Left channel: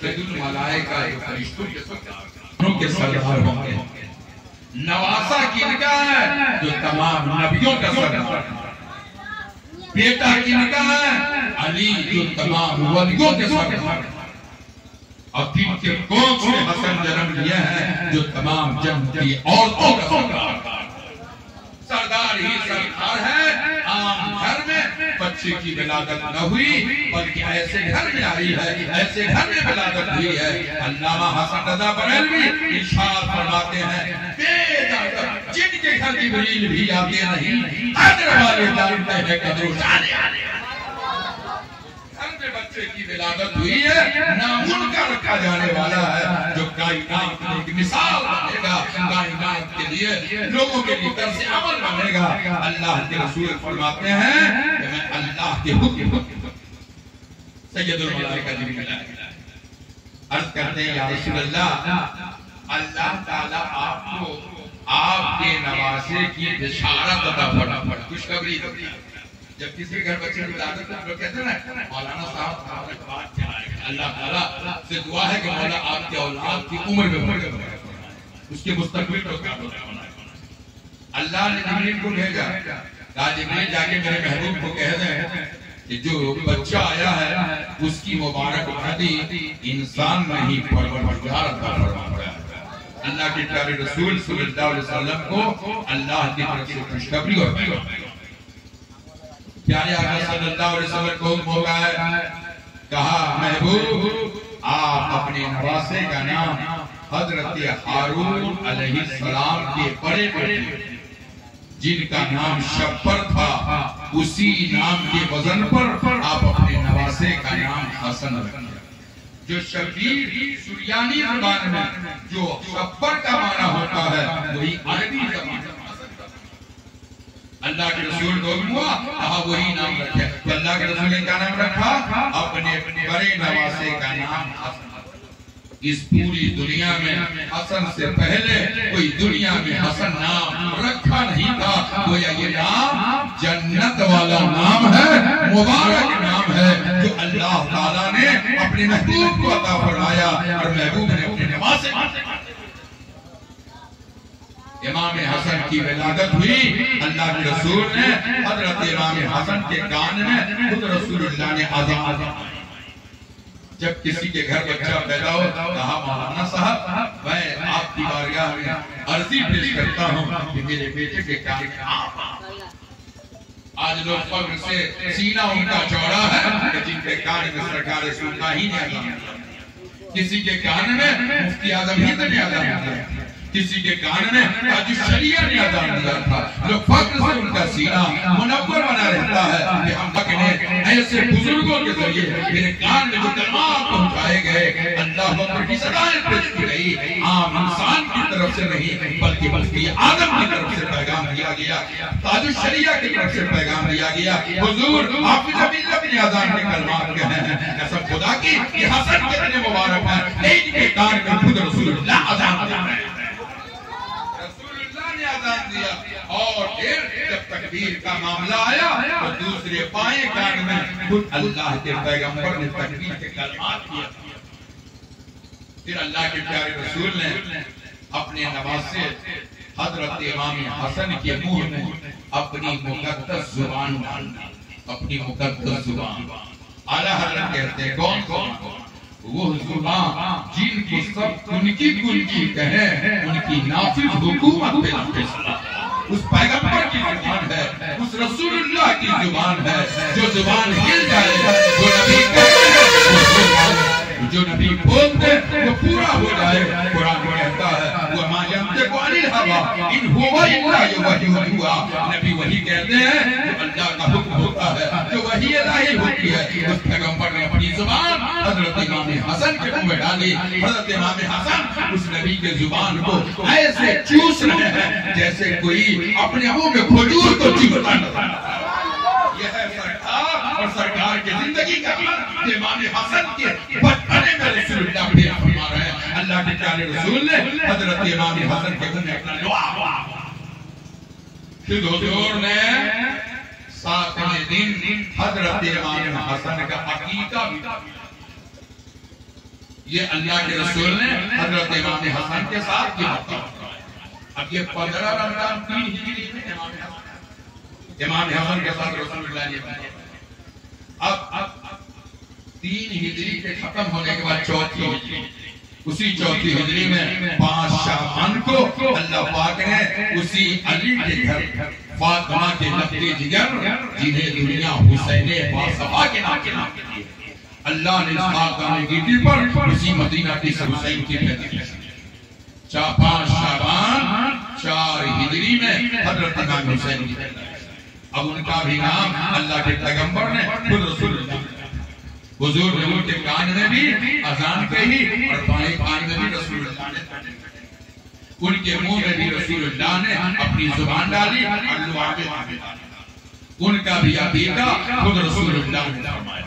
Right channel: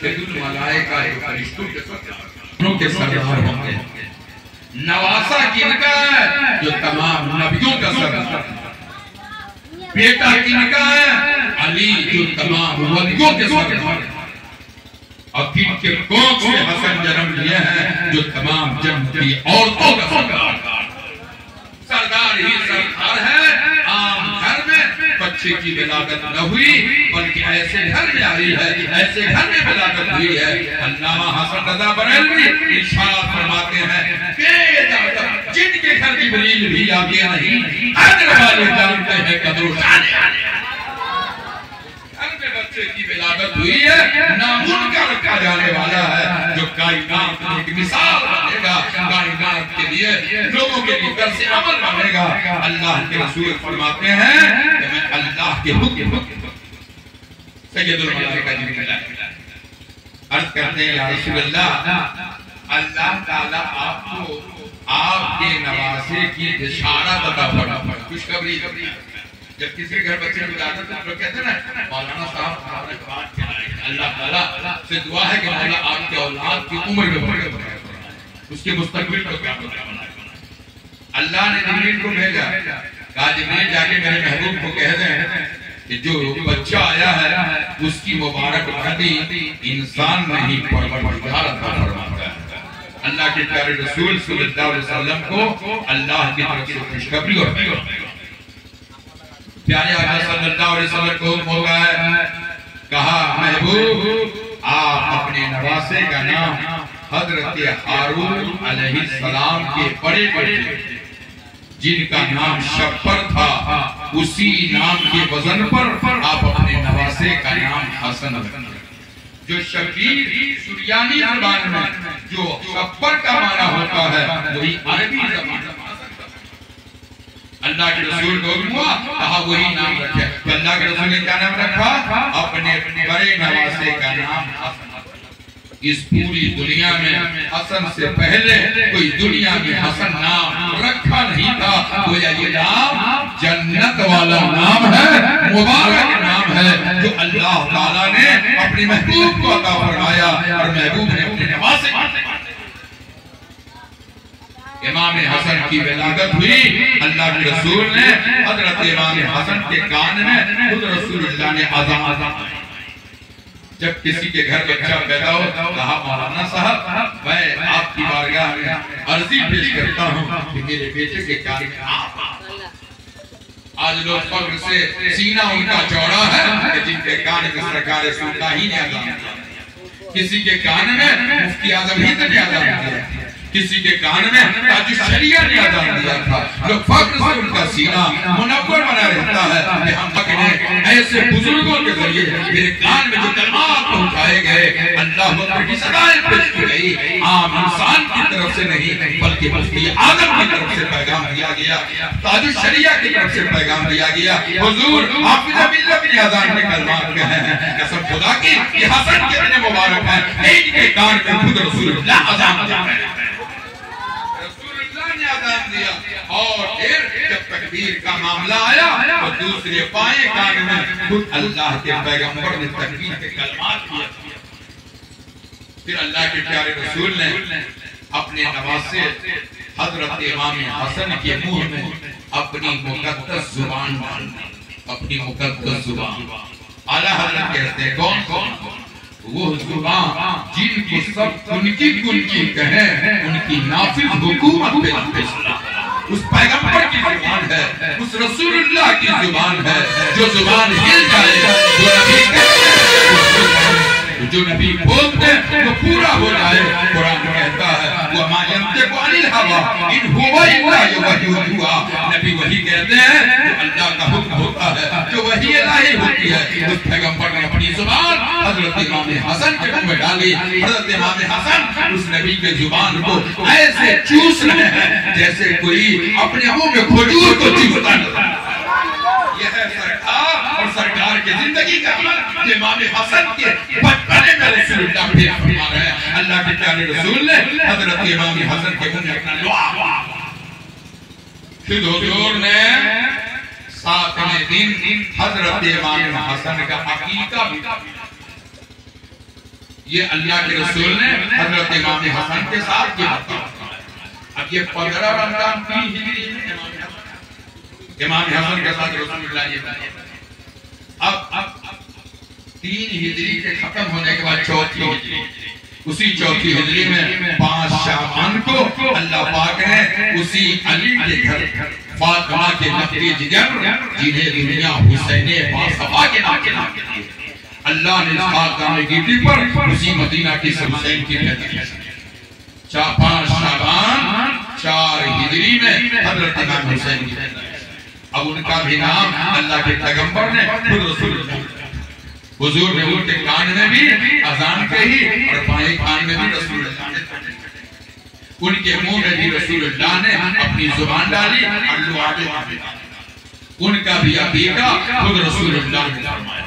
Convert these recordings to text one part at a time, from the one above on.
سید الملائکہ جو فرشتوں کے سردار ہوتے ہیں، نواسا کن کا ہے؟ جو تمام نبیوں کا سردار ہے، بیٹا کن کا ہے؟ علی جو تمام ولیوں کے سردار ہے، اور کن کے کوکھ سے حسن جنم لیے ہیں جو تمام جنت کی عورتوں کا سردار ہے۔ سردار ہی سردار ہے۔ عام گھر میں بچے کی ولادت نہ ہوئی بلکہ ایسے گھر میں آئی ہے، ایسے گھر میں ولادت ہوئی ہے۔ علامہ حسن رضا بریلوی ارشاد فرماتے ہیں جن کے گھر جبریل بھی آتے نہیں، قدر والے جانتے ہیں قدر و شان۔ گھر میں بچے کی ولادت ہوئی ہے، نامن کا رکھا جانے والا ہے جو کائنات میں ایک مثال بنے گا، کائنات کے لیے لوگوں کے لیے درس عمل بنے گا۔ اللہ کے رسول فرماتے ہیں کہ میں اللہ کے حکم سید الملائکہ جبریل عرض کرتے ہیں یا رسول اللہ تعالیٰ آپ کو آپ کے نواسے کی بشارت عطا فرمائے، خوشخبری۔ جب کسی کے گھر بچے کی ولادت ہے تو کہتے ہیں نا مولانا صاحب ہمارے بات کیا ہے، اللہ تعالیٰ سے دعا ہے کہ مولا آپ کے اولاد کی عمر میں بڑھے، اس کے مستقبل کو کیا بنائے۔ اللہ نے جبریل کو بھیجا، کہا جبریل جا کے میرے محبوب کو کہہ دیں کہ جو بچہ آیا ہے اس کی مبارک بھتی انسان نہیں پروردگار عطا فرماتا ہے۔ اللہ کے پیارے رسول صلی اللہ علیہ وسلم کو اللہ کی طرف سے خوشخبری ہوتی ہے۔ پیارے آقا صلی اللہ علیہ وسلم کو مولا ہے، کہا محبوب آپ اپنے نواسے کا نام حضرت ہارون علیہ السلام کے بڑے بیٹے جن کا نام شبر تھا اسی نام کے وزن پر آپ اپنے نواسے کا نام حسن رکھیں۔ جو شبیر سریانی زبان میں جو شبر کا معنی ہوتا ہے وہی عربی زبان میں اللہ کے رسول کو ہوا کہا وہی نام رکھے۔ تو اللہ کے رسول نے کیا نام رکھا؟ اپنے بڑے نواسے کا نام حسن۔ اس پوری دنیا میں حسن سے پہلے کوئی دنیا میں حسن نام رکھا نہیں تھا۔ گویا یہ نام جنت والا نام ہے، مبارک نام ہے جو اللہ تعالیٰ نے اپنے محبوب کو عطا فرمایا اور محبوب نے اپنے نواسے کو۔ امام حسن کی ولادت ہوئی، اللہ کے رسول نے حضرت امام حسن کے کان میں خود رسول اللہ نے اذان جب کسی کے گھر بچہ پیدا ہو کہا مولانا صاحب میں آپ کی بارگاہ میں عرضی پیش کرتا ہوں کہ میرے بیٹے کے کان میں آج لوگ فخر سے سینہ ان کا چوڑا ہے کہ جن کے کان میں سرکار رسول اللہ ہی نے اذان دیا، کسی کے کان میں مفتی اعظم ہند نے اذان دیا، کسی کے کان میں تاج الشریعہ نے اذان دیا تھا۔ لوگ فخر سے ان کا سینہ منور بنا رہتا ہے کہ ہم تک نے ایسے بزرگوں کے ذریعے میرے کان میں جو کلمات پہنچائے گئے اللہ اکبر کی صدائیں پیش کی گئی، عام انسان کی طرف سے نہیں بلکہ مفتی اعظم کی طرف سے پیغام دیا گیا، تاج الشریعہ کی طرف سے پیغام دیا گیا۔ حضور حافظ ملت نے اذان کے کلمات کہے ہیں، قسم خدا کی یہ حسن کتنے مبارک ہیں، ان کے کان میں خود رسول اللہ اذان دیا ہے، دیا۔ اور پھر جب تکبیر کا معاملہ آیا تو دوسرے بائیں کان میں خود اللہ کے پیغمبر نے تکبیر کے کلمات کیا۔ پھر اللہ کے پیارے رسول نے اپنے نواسے حضرت امام حسن کے منہ میں اپنی مقدس زبان ڈالی، اپنی مقدس زبان۔ اعلیٰ حضرت کہتے ہیں کون وہ زبان جن کی سب ان کی کہیں ان کی نافذ حکومت پہ اس پیغمبر کی زبان ہے، اس رسول اللہ کی زبان ہے، جو زبان ہل جائے جو نبی بولتے وہ پورا ہو جائے۔ قرآن کہتا ہے وَمَا يَنْطِقُ عَنِ الْهَوَىٰ إِنْ هُوَ إِلَّا وَحْيٌ يُوحَىٰ۔ نبی وحی کہتے ہیں جو اللہ کا حکم ہوتا ہے، جو وحی الہی ہوتی ہے۔ اس پیغمبر نے اپنی زبان حضرت امام حسن کے منہ میں ڈالی۔ حضرت امام حسن اس نبی کے زبان کو ایسے چوس رہے ہیں جیسے کوئی اپنے منہ میں کھجور کو چوستا ہے۔ یہ ہے سرکار اور سرکار کی زندگی کا عمل۔ امام حسن کے بچپنے میں رسول اللہ پیش فرما رہے ہیں۔ اللہ کے پیارے رسول نے حضرت امام حسن کے منہ میں اپنا لعا پھر حضور نے 7ویں دن حضرت امام حسن کا عقیقہ بھی یہ اللہ کے رسول نے حضرت امام حسن کے ساتھ کیا تھا۔ اب یہ 15 رمضان 3 ہجری میں امام حسن کے ساتھ رسول اللہ نے کیا۔ اب 3 ہجری کے ختم ہونے کے بعد 4تھی ہجری، اسی 4تھی ہجری میں 5 شعبان کو اللہ پاک نے اسی علی کے گھر فاطمہ کے لقب جگر جنہیں دنیا حسین باصفا کے نام کے لیے اللہ نے اس خاکدان گیٹی پر اسی مدینہ کی حسین کی پیدائش کی۔ 5 شعبان 4 ہجری میں حضرت امام حسین کی پیدائش۔ اب ان کا بھی نام اللہ کے پیغمبر نے خود رسول اللہ، حضور نے ان کے کان میں بھی اذان کہی اور بائیں کان میں بھی رسول اللہ نے، ان کے منہ میں بھی رسول اللہ نے اپنی زبان ڈالی اور لعابے ڈالے۔ ان کا بھی عقیدہ خود رسول اللہ نے فرمایا۔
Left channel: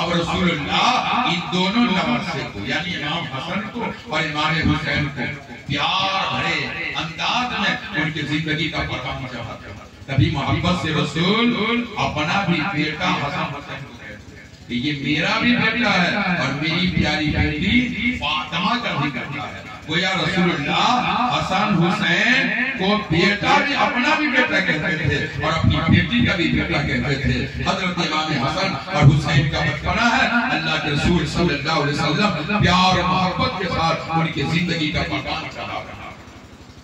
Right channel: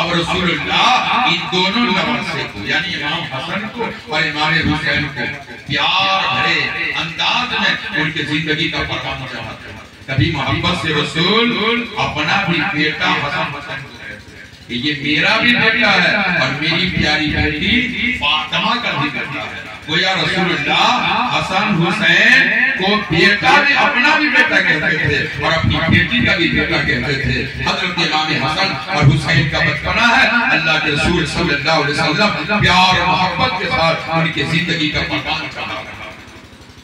اب رسول اللہ ان دونوں نواسے کو یعنی امام حسن کو اور امام حسین کو پیار بھرے انداز میں ان کی زندگی کا پیغام چاہتے ہیں۔ کبھی محبت سے رسول اپنا بھی بیٹا حسن حسین کو کہتے ہیں، یہ میرا بھی بیٹا ہے اور میری پیاری بیٹی فاطمہ کا بھی بیٹا ہے۔ گویا رسول اللہ حسن حسین کو بیٹا بھی اپنا بھی بیٹا کہتے تھے اور اپنی بیٹی کا بھی بیٹا کہتے تھے۔ حضرت امام حسن اور حسین کا بچپنا ہے، اللہ کے رسول صلی اللہ علیہ وسلم پیار و محبت کے ساتھ ان کی زندگی کا پیغام چلا رہا۔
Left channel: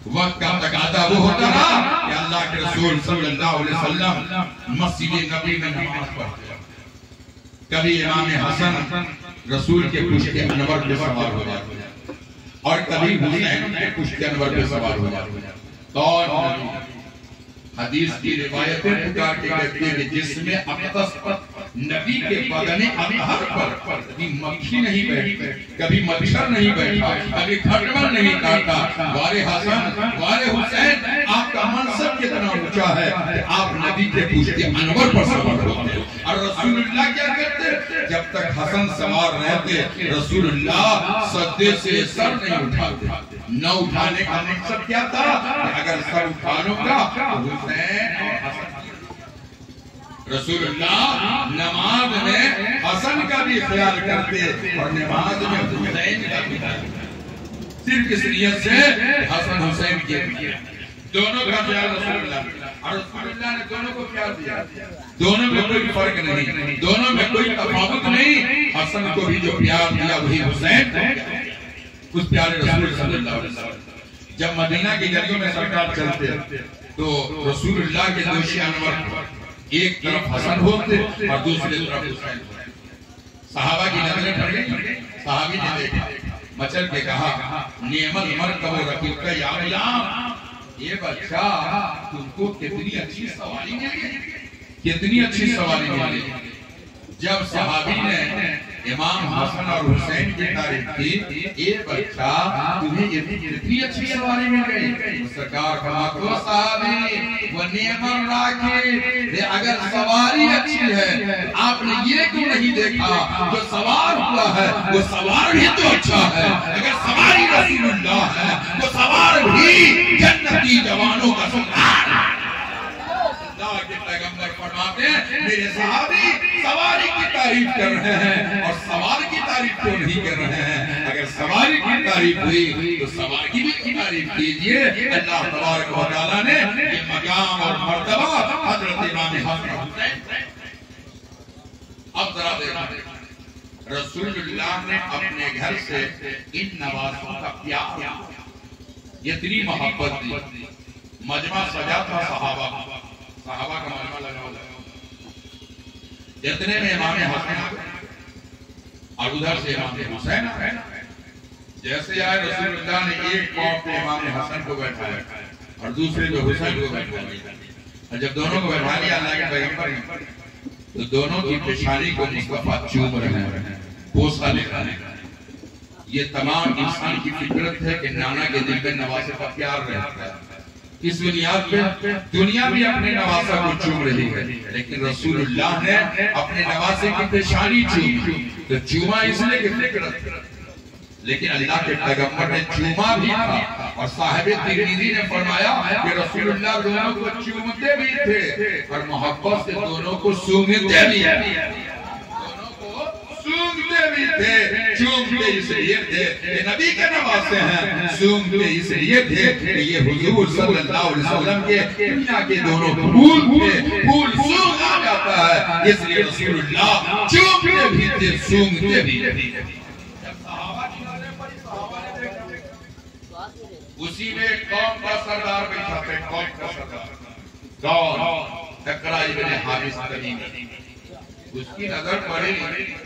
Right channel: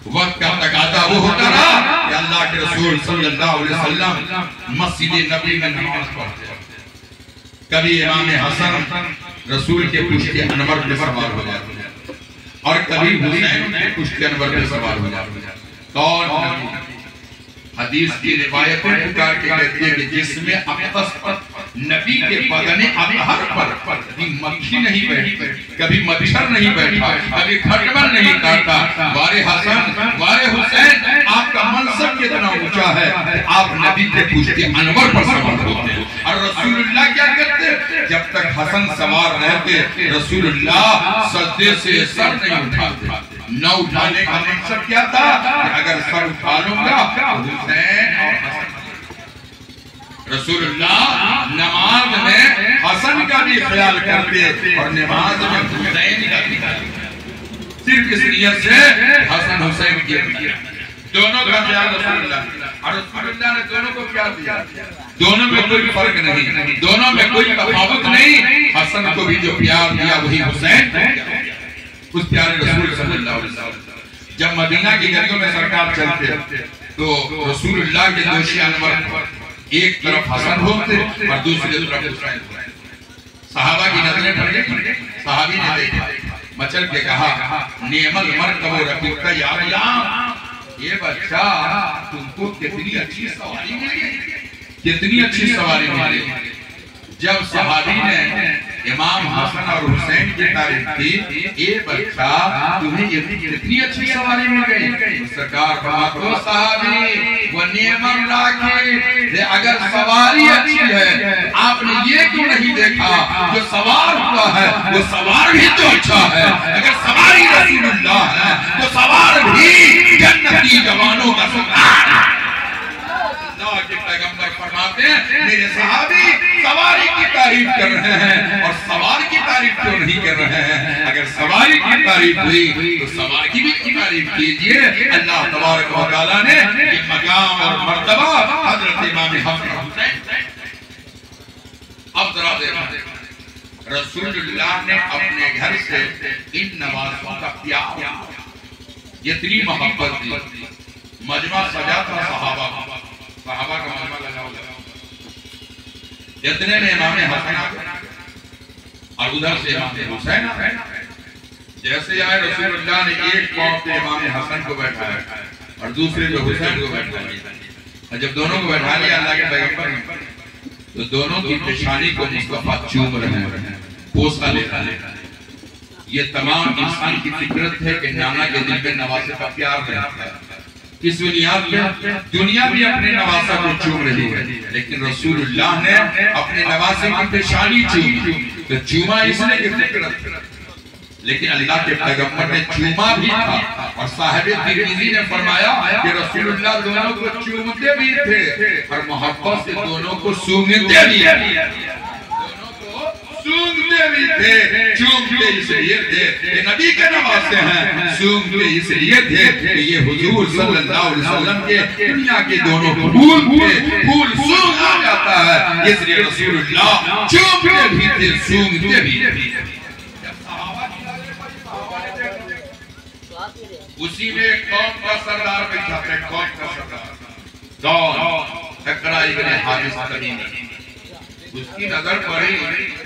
وقت کا تقاضا وہ ہوتا رہا کہ اللہ کے رسول صلی اللہ علیہ وسلم مسجد نبی میں نماز پڑھتے، کبھی امام حسن رسول کے پشت انور پہ سوار ہو جاتے اور کبھی حسین کے پشت انور پہ سوار ہو جاتے۔ کون نبی؟ حدیث کی روایت پکار کے کہتے ہیں کہ جس میں اقدس پر نبی کے بدن اطہر پر کبھی مکھی نہیں بیٹھی، کبھی مچھر نہیں بیٹھا، کبھی کھٹمل نہیں کاٹا۔ وارے حسن وارے حسین، آپ کا منصب کتنا اونچا ہے کہ آپ نبی کے پشت انور پر سوار ہوتے ہیں۔ اور رسول اللہ کیا کرتے؟ جب تک حسن سوار رہتے رسول اللہ سجدے سے سر نہیں اٹھاتے۔ نہ اٹھانے کا مقصد کیا تھا کہ اگر سر اٹھا لوں گا تو حسین اور حسن، رسول اللہ نماز میں حسن کا بھی خیال کرتے اور نماز میں حسین کا بھی خیال کرتے، صرف اس نیت سے حسن حسین کی دونوں کا خیال رسول اللہ، اور رسول اللہ نے دونوں کو کیا دیا؟ دونوں میں کوئی فرق نہیں، دونوں میں کوئی تفاوت نہیں۔ حسن کو بھی جو پیار دیا وہی حسین کو دیا۔ اس پیارے رسول صلی اللہ علیہ وسلم جب مدینہ کی گلیوں میں سرکار چلتے تو رسول اللہ کے دوشی انور ایک طرف حسن ہوتے اور دوسری طرف حسین ہوتے۔ صحابہ کی نظریں پڑ گئی، صحابی نے دیکھا، مچل کے کہا نعم المرکب رفیق یا غلام، یہ بچہ تم کو کتنی اچھی سواری ملی، کتنی اچھی سواری ملی۔ جب صحابی نے امام حسن اور حسین کی تعریف کی، اے بچہ تمہیں کتنی اچھی سواری مل گئی، سرکار فرماتے ہیں صحابی وَنِعْمَ الرَّاكِبُ، اگر سواری اچھی ہے آپ نے یہ کیوں نہیں دیکھا جو سوار ہوا ہے وہ سوار بھی تو اچھا ہے۔ اگر سواری رسول اللہ ہے تو سوار بھی جنتی جوانوں کا سردار ہے۔ اللہ کے پیغمبر فرماتے ہیں میرے صحابی سواری کی تعریف کر رہے ہیں اور سوار کی تعریف کیوں نہیں کر رہے ہیں؟ اگر سواری کی تعریف ہوئی تو سوار کی بھی تعریف کیجئے۔ اللہ تبارک و تعالیٰ نے یہ مقام اور مرتبہ حضرت امام حسن حسین۔ اب ذرا دیکھیں رسول اللہ نے اپنے گھر سے ان نوازوں کا پیار اتنی محبت دی، مجمع سجا تھا صحابہ کا مجمع لگا ہوا، اتنے میں امام حسن اور ادھر سے امام حسین جیسے آئے رسول اللہ نے ایک پاؤں پہ امام حسن کو بیٹھا ہے اور دوسرے پہ حسین کو بیٹھا ہے۔ جب دونوں کو بیٹھا لیا اللہ کے پیغمبر نے تو دونوں کی پیشانی کو مصطفیٰ چوم رہے ہیں، بوسہ لے رہے ہیں۔ یہ تمام انسان کی فطرت ہے کہ نانا کے دل میں نواسے کا پیار رہتا ہے۔ اس بنیاد پہ دنیا بھی اپنے نواسہ کو چوم رہی ہے، لیکن رسول اللہ نے اپنے نواسے کی پیشانی چومی تو چوما اس نے کہ فطرت، لیکن اللہ کے پیغمبر نے چوما بھی تھا اور صاحب ترمذی نے فرمایا کہ رسول اللہ دونوں کو چومتے بھی تھے اور محبت سے دونوں کو سونگتے بھی، دونوں کو سونگتے بھی تھے، چومتے اس لیے تھے کہ نبی کے نواسے ہیں، سونگتے اس لیے تھے کہ یہ حضور صلی اللہ علیہ وسلم کے دنیا کے دونوں پھول تھے، پھول سونگ آ جاتا ہے، اس لیے رسول اللہ چومتے بھی تھے، سونگتے بھی تھے۔ اسی میں قوم کا سردار بیٹھا تھا، قوم کا سردار کون؟ اقرا ابن حابس تمیمی۔ اس کی نظر پڑی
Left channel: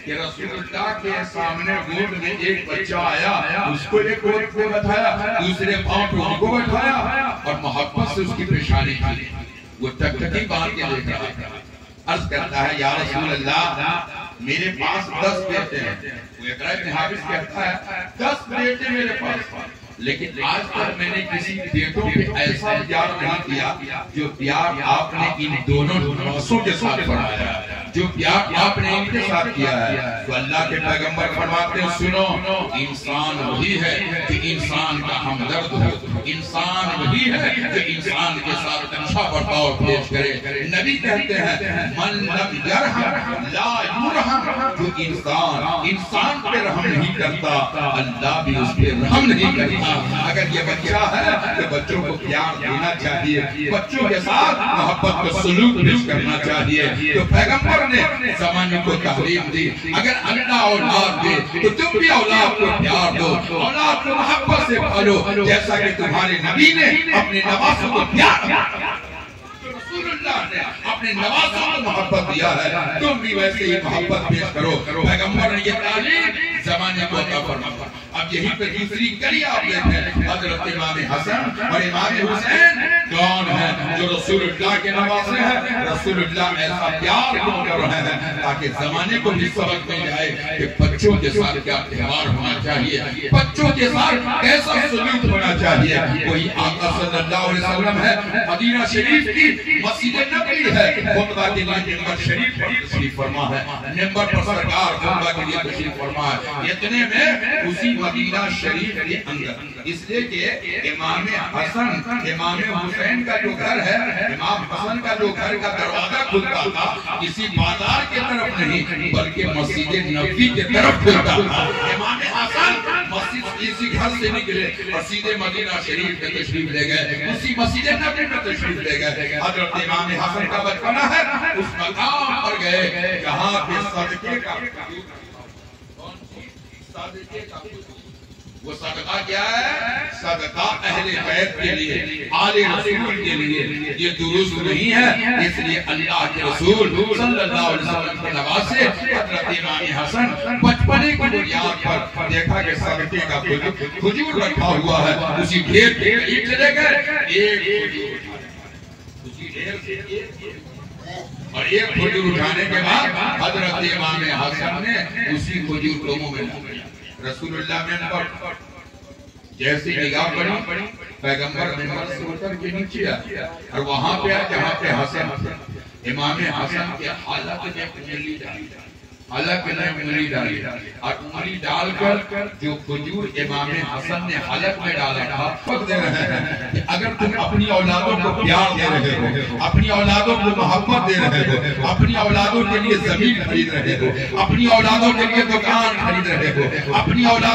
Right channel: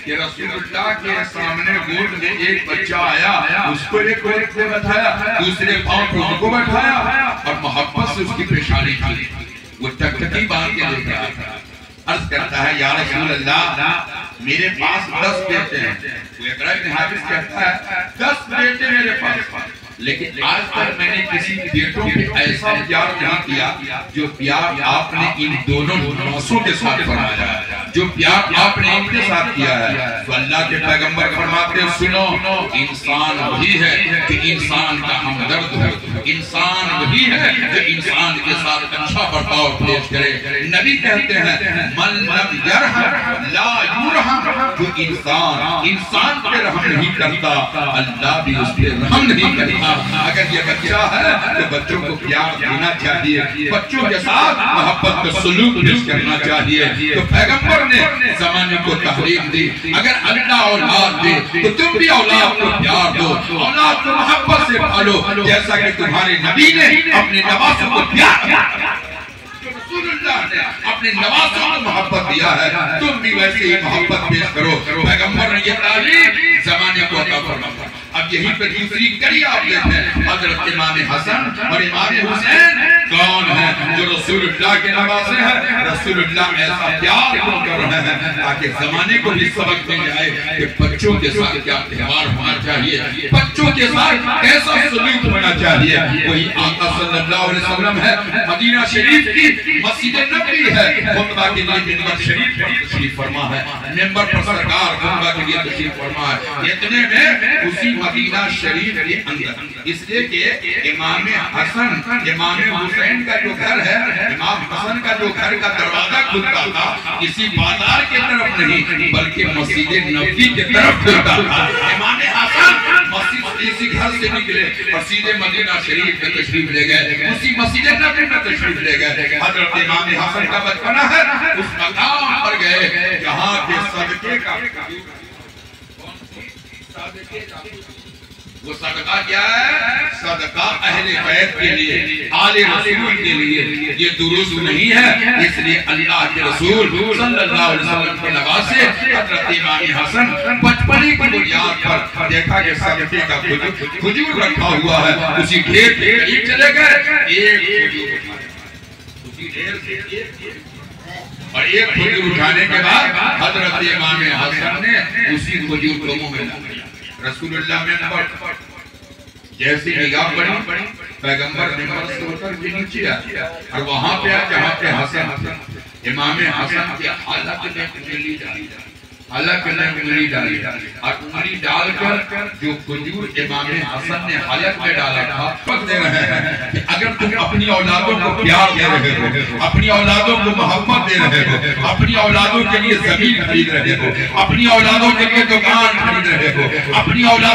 کہ رسول اللہ کے سامنے گود میں ایک بچہ آیا، اس کو ایک گود پہ بٹھایا، دوسرے پاؤں پہ ان کو بٹھایا اور محبت سے اس کی پیشانی کی، وہ ٹکٹکی باندھ کے لے گیا۔ عرض کرتا ہے یا رسول اللہ میرے پاس 10 بیٹے ہیں۔ وہ اقرا ابن حابس کہتا ہے 10 بیٹے میرے پاس، لیکن آج تک میں نے کسی بیٹوں پہ ایسا پیار نہیں کیا جو پیار آپ نے ان دونوں نواسوں کے ساتھ فرمایا، جو پیار آپ نے ان کے ساتھ کیا ہے۔ تو اللہ کے پیغمبر فرماتے ہیں سنو، انسان وہی ہے کہ انسان کا ہمدرد ہو، انسان وہی ہے جو انسان کے ساتھ اچھا برتاؤ پیش کرے۔ نبی کہتے ہیں من لم یرحم لا یرحم، جو انسان پہ رحم نہیں کرتا اللہ بھی اس پہ رحم نہیں کرتا۔ اگر یہ بچہ ہے تو بچوں کو پیار دینا چاہیے، بچوں کے ساتھ محبت کا سلوک پیش کرنا چاہیے۔ تو پیغمبر نے زمانے کو تحریم دی، اگر اللہ اولاد دے تو تم بھی اولاد کو پیار دو، اولاد کو محبت سے پالو، جیسا کہ تمہارے نبی نے اپنے نواسوں کو پیار دیا، رسول اللہ نے اپنے نواسوں کو محبت دیا ہے، تم بھی ویسے ہی محبت پیش کرو۔ پیغمبر نے یہ تعلیم زمانے کو عطا فرمایا۔ اب یہی پر دوسری کڑی آپ لیتے ہیں، حضرت امام حسن اور امام حسین کون ہیں جو رسول اللہ کے نواسے ہیں؟ رسول اللہ ایسا پیار کر رہے ہیں تاکہ زمانے کو بھی سبق مل جائے کہ بچوں کے ساتھ کیا تہوار ہونا چاہیے، بچوں کے ساتھ کیسا سلوک ہونا چاہیے۔ وہی آقا صلی اللہ علیہ وسلم ہے، مدینہ شریف کی مسجد نبوی ہے، خطبہ کے لیے منبر شریف پر تشریف فرما ہے، منبر پر سرکار خطبہ کے لیے تشریف فرما ہے۔ اتنے میں اسی مدینہ شریف کے اندر، اس لیے کہ امام حسن امام حسین کا جو گھر ہے، امام حسن کا جو گھر کا دروازہ کھلتا تھا کسی بازار کے طرف نہیں بلکہ مسجد نبوی کے طرف کھلتا تھا۔ امام حسن مسجد اسی گھر سے نکلے اور سیدھے مدینہ شریف میں تشریف لے گئے، اسی مسجد نبوی میں تشریف لے گئے۔ حضرت امام حسن کا بچپنا ہے، اس مقام پر گئے جہاں پہ صدقے کا وہ صدقہ کیا ہے؟ صدقہ اہل بیت کے لیے، آل رسول کے لیے۔ یہ درست نہیں ہے، اس لیے اللہ کے رسول صلی اللہ علیہ وسلم کے نواسے حضرت امام حسن بچپنے کی بنیاد پر دیکھا کہ صدقے کا کھجور رکھا ہوا ہے، اسی ڈھیر کے قریب چلے گئے، ایک کھجور اسی ڈھیر سے اور ایک کھجور اٹھانے کے بعد حضرت امام حسن نے اسی کھجور کو منہ میں ڈال دیا۔ رسول اللہ منبر جیسی نگاہ پڑی، پیغمبر منبر سے اتر کے نیچے آیا اور وہاں پہ جہاں پہ حسن امام حسن کے حلق میں انگلی ڈالی، حلق میں انگلی ڈالی اور انگلی ڈال کر جو کھجور امام حسن نے حلق میں ڈالا تھا پک دے رہے ہیں کہ اگر تم اپنی اولادوں کو پیار دے رہے ہو، اپنی اولادوں کو محبت دے رہے ہو، اپنی اولادوں کے لیے زمین خرید رہے ہو، اپنی اولادوں کے لیے دکان خرید رہے ہو، اپنی اولادوں